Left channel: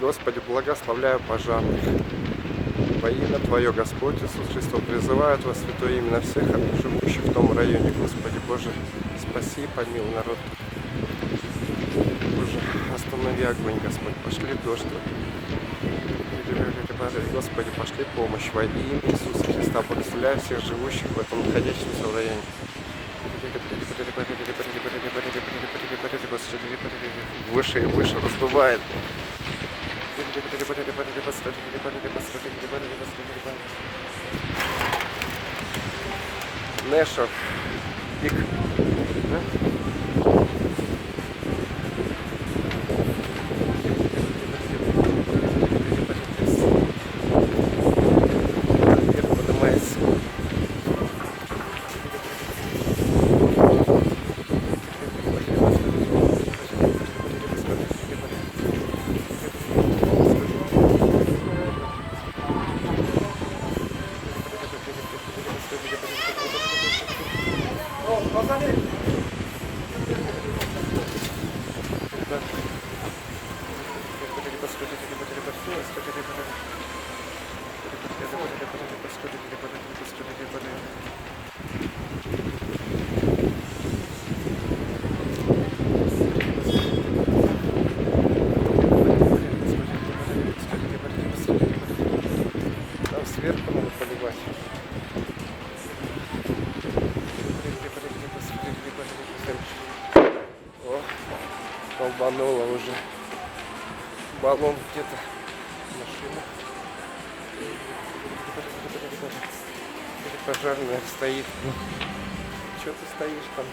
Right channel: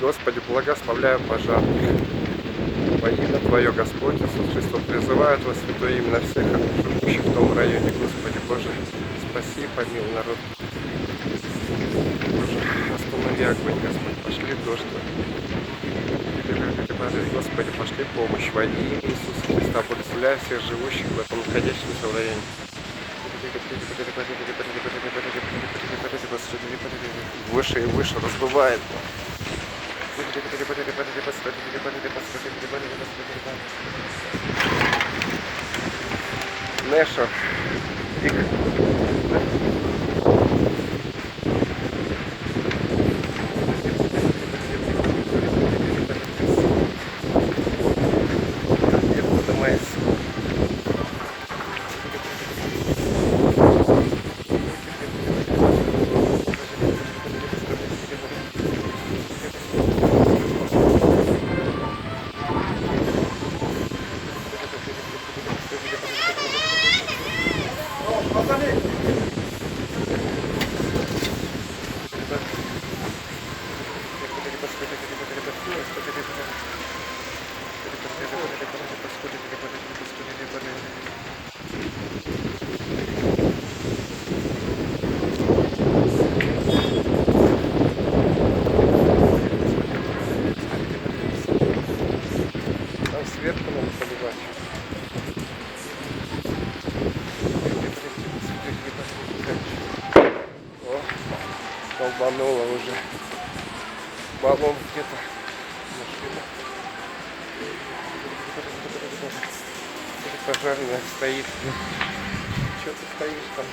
Господи, благословляю пожарных. Во имя Твое, Господь, Иисус Христос, призывает вас, святое имя, на всех живущих в том районе. Господи Боже, спаси и помилуй народ. Боже, останови огонь, Господь, пошли дождь. Господи, пошли помощь во имя Иисуса Христа, благословляя всех живущих в этом находящемся в районе. Выше и выше разбывает. Нэшо. Пик. Сверху надо поливать. О, долбануло уже. Баллон где-то. Машина. Пожарная стоит. Что ты стоишь там?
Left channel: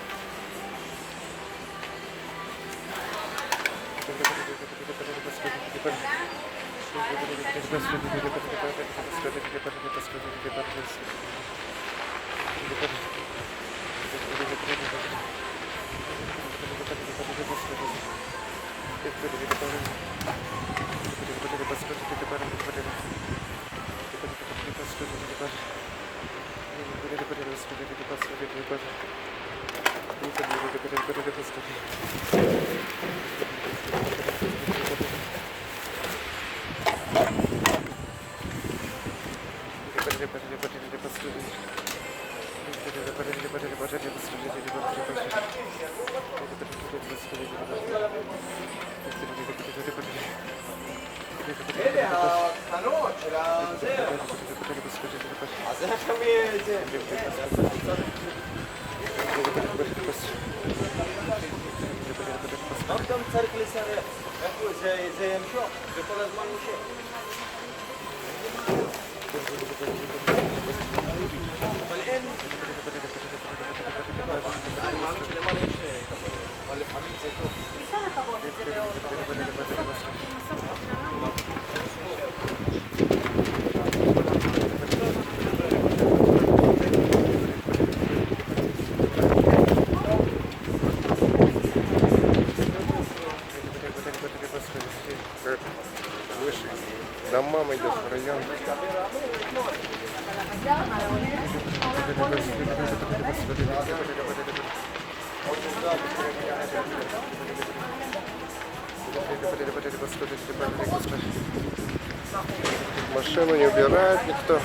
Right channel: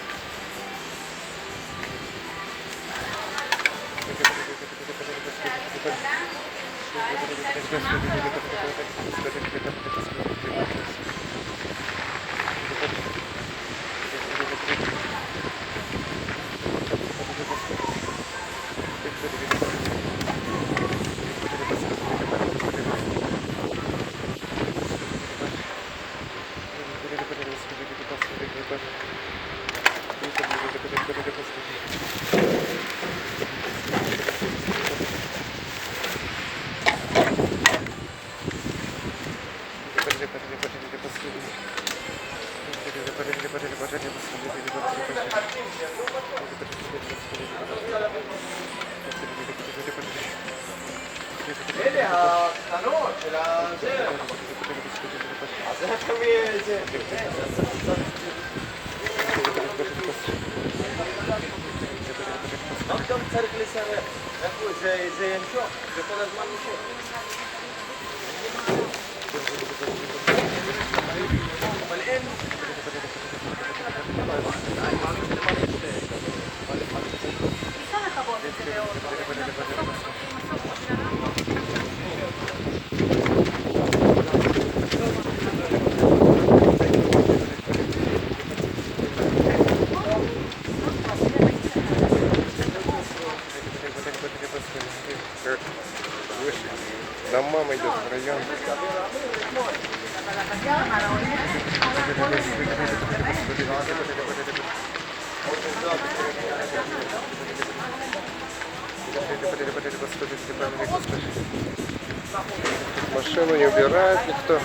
Выше. Домам идет в район. Машину не убирает никто.